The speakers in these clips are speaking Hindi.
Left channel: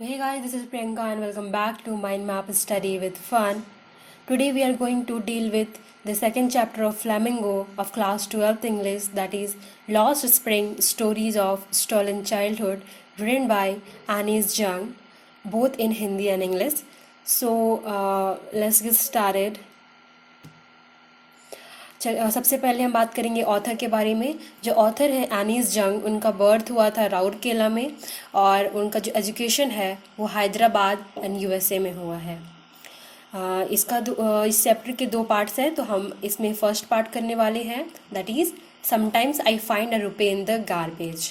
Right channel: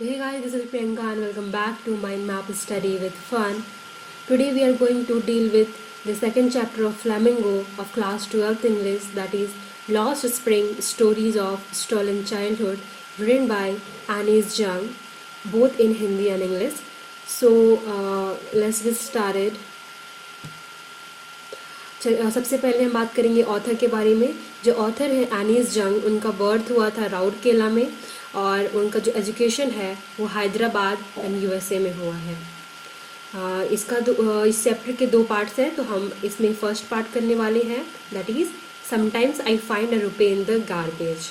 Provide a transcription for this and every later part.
Hey guys, this is Priyanka and welcome back to Mind Map Study with Fun. Today we are going to deal with the second chapter of Flamingo of class 12th English, that is Lost Spring Stories of Stolen Childhood, written by Anis Jung, both in Hindi and English. So let's get started. सबसे पहले हम बात करेंगे ऑथर के बारे में। जो ऑथर हैं एनीस जंग, उनका बर्थ हुआ था राउरकेला में और उनका जो एजुकेशन है वो हैदराबाद एंड यूएसए में हुआ है। इस चैप्टर के दो पार्ट्स हैं, तो हम इसमें फर्स्ट पार्ट करने वाले हैं, that is sometimes I find a रुपए इन द गार्बेज।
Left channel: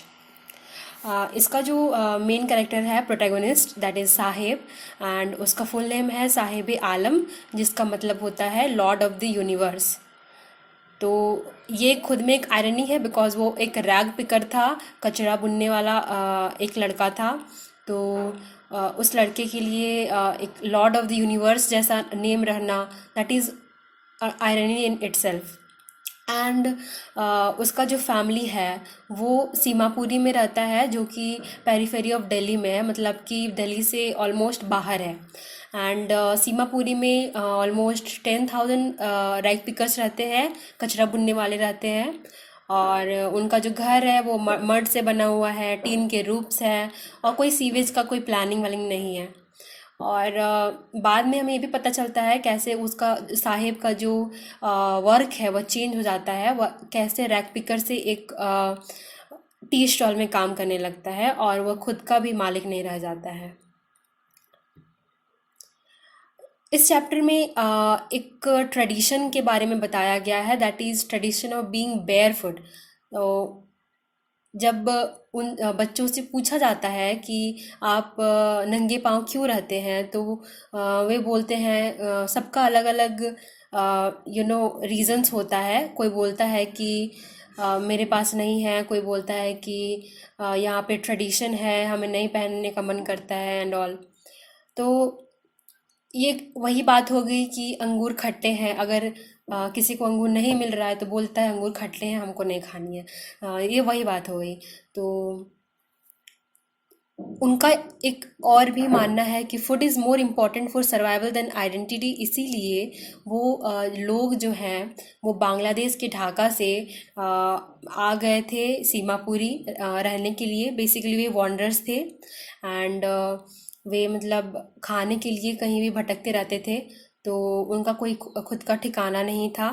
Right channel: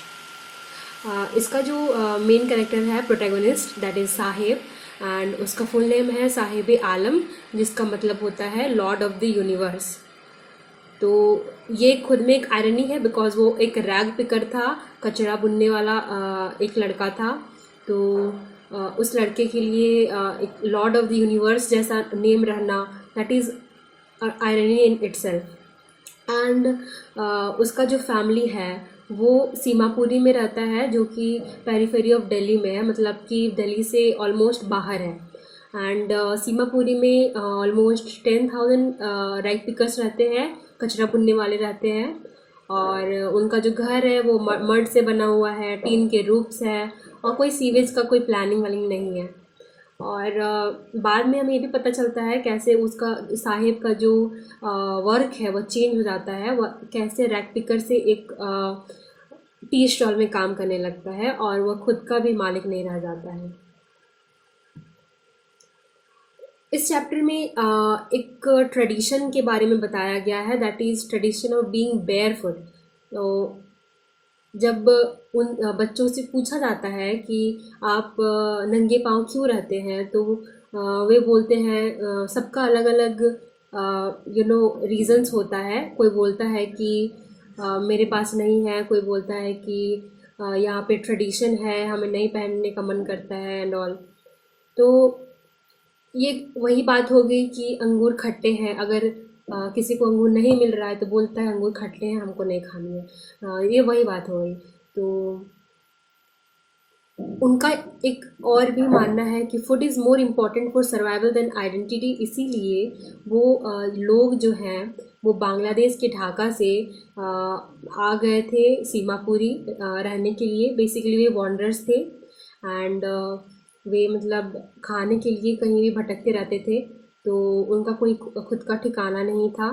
इसका जो मेन कैरेक्टर है protagonist, that is Sahib, and उसका फुल नेम है साहिब आलम, जिसका मतलब होता है लॉर्ड ऑफ द यूनिवर्स। तो ये खुद में एक आयरनी है, बिकॉज वो एक रैग पिकर था, कचरा बुनने वाला एक लड़का था। तो उस लड़के के लिए एक लॉर्ड ऑफ द यूनिवर्स जैसा नेम रहना, that is irony in itself. And उसका जो फैमिली है वो सीमापुरी में रहता है, जो कि पेरीफेरी ऑफ दिल्ली में है, मतलब कि दिल्ली से ऑलमोस्ट बाहर है। एंड सीमापुरी में ऑलमोस्ट 10,000 राइस पिकर्स रहते हैं, कचरा बुनने वाले रहते हैं। और उनका जो घर है वो मड से बना हुआ है, टीन के रूफ्स है, और कोई सीवेज का कोई प्लानिंग वालिंग नहीं है। और बाद में हमें ये भी पता चलता है कैसे उसका साहिब का जो वर्क है वो चेंज हो जाता है, वह कैसे रैक पिकर से एक टी स्टॉल में काम करने लगता है और वह खुद का भी मालिक नहीं रह जाता है। इस चैप्टर में एक ट्रेडिशन के बारे में बताया गया है, that is tradition of being bear foot. तो जब उन बच्चों से पूछा जाता है कि आप नंगे पाँव क्यों रहते हैं, तो वे बोलते हैं सबका अलग अलग रीज़न्स होता है। कोई बोलता है कि मेरे पास नहीं है, कोई बोलता है कि यहाँ पे ट्रेडिशन है, हमें नहीं पहनने का मन करता है एंड ऑल। तो ये वही बात हो गई कि अंगूर खट्टे हैं। अगर किसी को अंगूर नहीं मिल रहा है तो बोलता है अंगूर खट्टे हैं, हमको नहीं खानी है। ये वही बात हो गई। तो उनका एक और भी मानना है कि food is more important for survival than identity. इसीलिए वो लोग जो हैं वो बांग्लादेश के ढाका से आ गए थे सीमापुरी रहने के लिए। बेसिकली वे वॉन्डर्स थे एंड वे मतलब खाने के लिए कहीं भी भटकते रहते थे, तो उनका कोई खुद का ठिकाना नहीं था।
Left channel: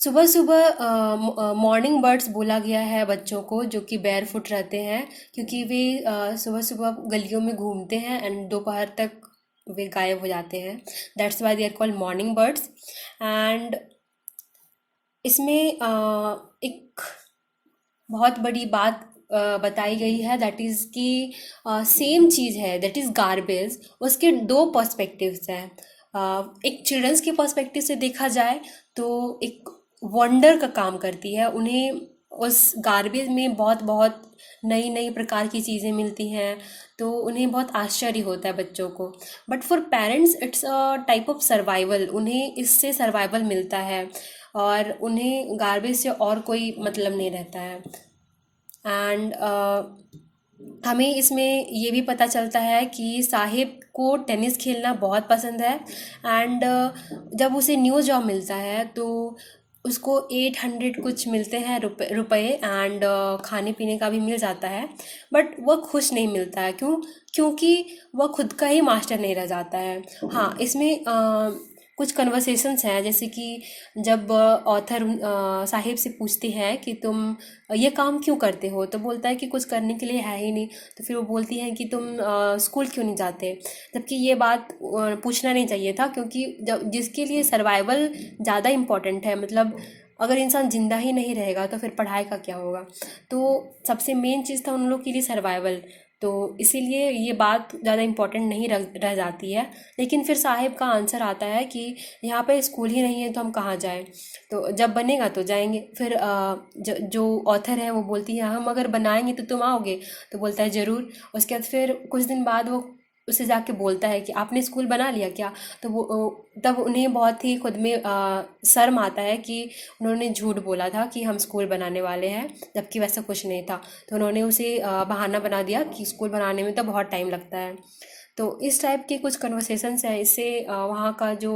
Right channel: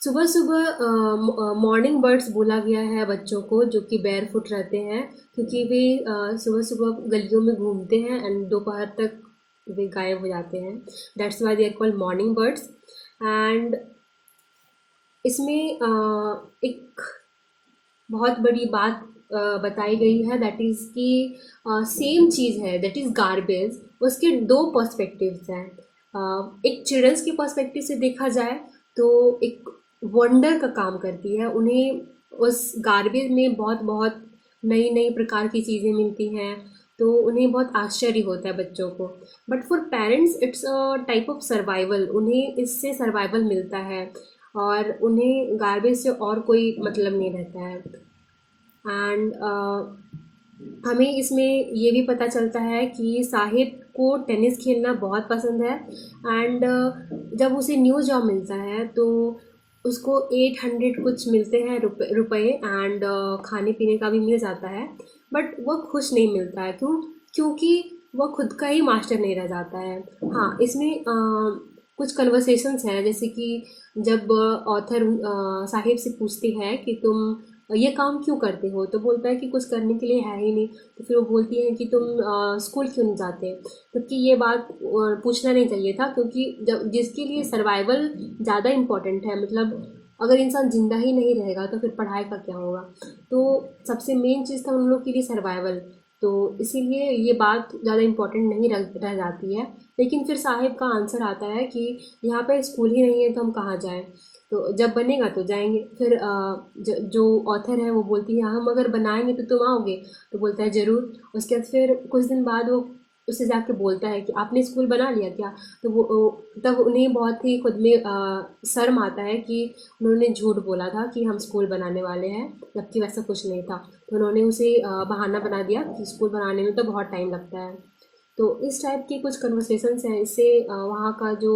सुबह सुबह मॉर्निंग बर्ड्स बोला गया है बच्चों को, जो कि बेयर फुट रहते हैं, क्योंकि वे सुबह सुबह गलियों में घूमते हैं एंड दोपहर तक वे गायब हो जाते हैं। That's why they are called morning birds. And इसमें एक बहुत बड़ी बात बताई गई है, दैट इज़ कि सेम चीज़ है, दैट इज़ गार्बेज। उसके दो पर्सपेक्टिव्स हैं। एक चिल्ड्रंस के पर्सपेक्टिव से देखा जाए तो एक वंडर का काम करती है। उन्हें उस गार्बेज में बहुत बहुत नई नई प्रकार की चीज़ें मिलती हैं, तो उन्हें बहुत आश्चर्य होता है बच्चों को। But for parents it's a type of survival, उन्हें इससे सर्वाइवल मिलता है और उन्हें गार्बेज से और कोई मतलब नहीं रहता है। एंड हमें इसमें ये भी पता चलता है कि साहिब को टेनिस खेलना बहुत पसंद है। एंड जब उसे न्यू जॉब मिलता है तो उसको 800 कुछ मिलते हैं रुपए एंड खाने पीने का भी मिल जाता है। बट वह खुश नहीं मिलता है, क्योंकि वह खुद का ही मास्टर नहीं रह जाता है। हाँ, इसमें कुछ कन्वर्सेशंस हैं, जैसे कि जब ऑथर साहिब से पूछती है कि तुम ये काम क्यों करते हो, तो बोलता है कि कुछ करने के लिए है ही नहीं। तो फिर वो बोलती है कि तुम स्कूल क्यों नहीं जाते, जबकि ये बात पूछना नहीं चाहिए था, क्योंकि जब जिसके लिए सर्वाइवल ज़्यादा इम्पोर्टेंट है, मतलब अगर इंसान जिंदा ही नहीं रहेगा तो फिर पढ़ाई का क्या होगा। तो सबसे मेन चीज़ था उन लोग के लिए सर्वाइवल। तो इसीलिए ये बात ज़्यादा इम्पोर्टेंट नहीं रह जाती है। लेकिन फिर साहिब का आंसर आता है कि यहाँ पे स्कूल ही नहीं है तो हम कहाँ जाएं, तो जब बनेगा तो जाएंगे। फिर जो ऑथर है वो बोलती है हम अगर बनाएंगे तो तुम आओगे, तो बोलता है ज़रूर। उसके बाद फिर कुछ दिन बाद वो उससे जाके बोलता है कि आपने स्कूल बना लिया क्या। तो वो तब उन्हें बहुत ही खुद में शर्म आता है कि उन्होंने झूठ बोला था कि हम स्कूल बनाने वाले हैं, जबकि वैसा कुछ नहीं था। तो उन्होंने उसे बहाना बना दिया कि स्कूल बनाने में तो बहुत टाइम लगता है। तो इस टाइप के कुछ कन्वर्सेशंस हैं, इससे वहाँ का जो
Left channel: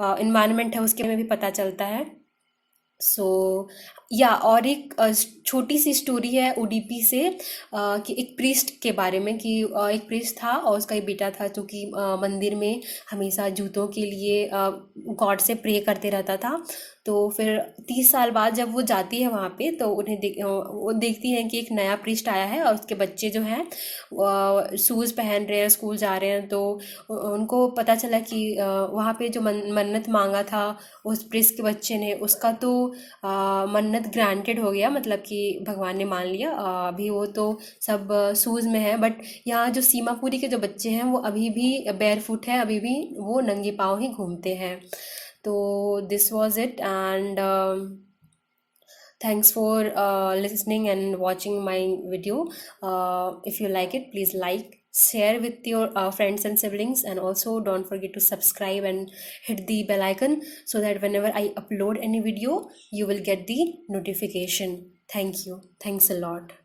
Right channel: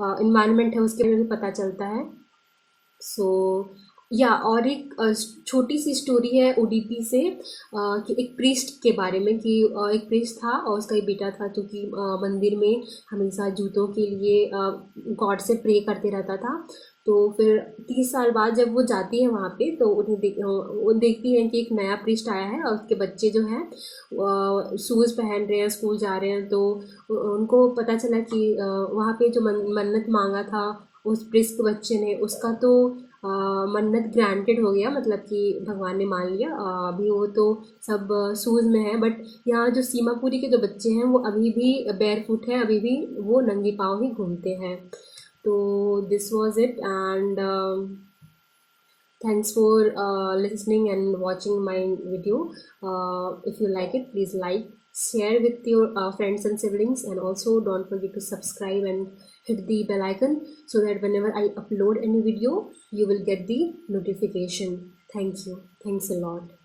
इन्वायरमेंट है उसके में भी पता चलता है। सो या और एक छोटी सी स्टोरी है उडीपी से, कि एक प्रीस्ट के बारे में, कि एक प्रीस्ट था और उसका एक बेटा था जो कि मंदिर में हमेशा जूतों के लिए गॉड से प्रे करते रहता था। तो फिर 30 साल बाद जब वो जाती है वहाँ पे, तो वो देखती हैं कि एक नया प्रीस्ट आया है और उसके बच्चे जो हैं शूज़ पहन रहे हैं, स्कूल जा रहे हैं। तो उनको पता चला कि वहाँ पे जो मन्नत मांगा था उस प्रीस्ट के बच्चे ने, उसका तो मन्नत ग्रांटेड हो गया, मतलब कि भगवान ने मान लिया। अभी वो तो सब शूज़ में है, बट यहाँ जो सीमापुरी के जो बच्चे हैं वो अभी भी बेयर फुट है, अभी भी वो नंगे पाँव ही घूमते हैं। तो this was it, and thanks for listening and watching my video. If you like it, please like, share with your friends and siblings, and also don't forget to subscribe and hit the bell icon so that whenever I upload any video, you will get the notification. Thank you. Thanks a lot.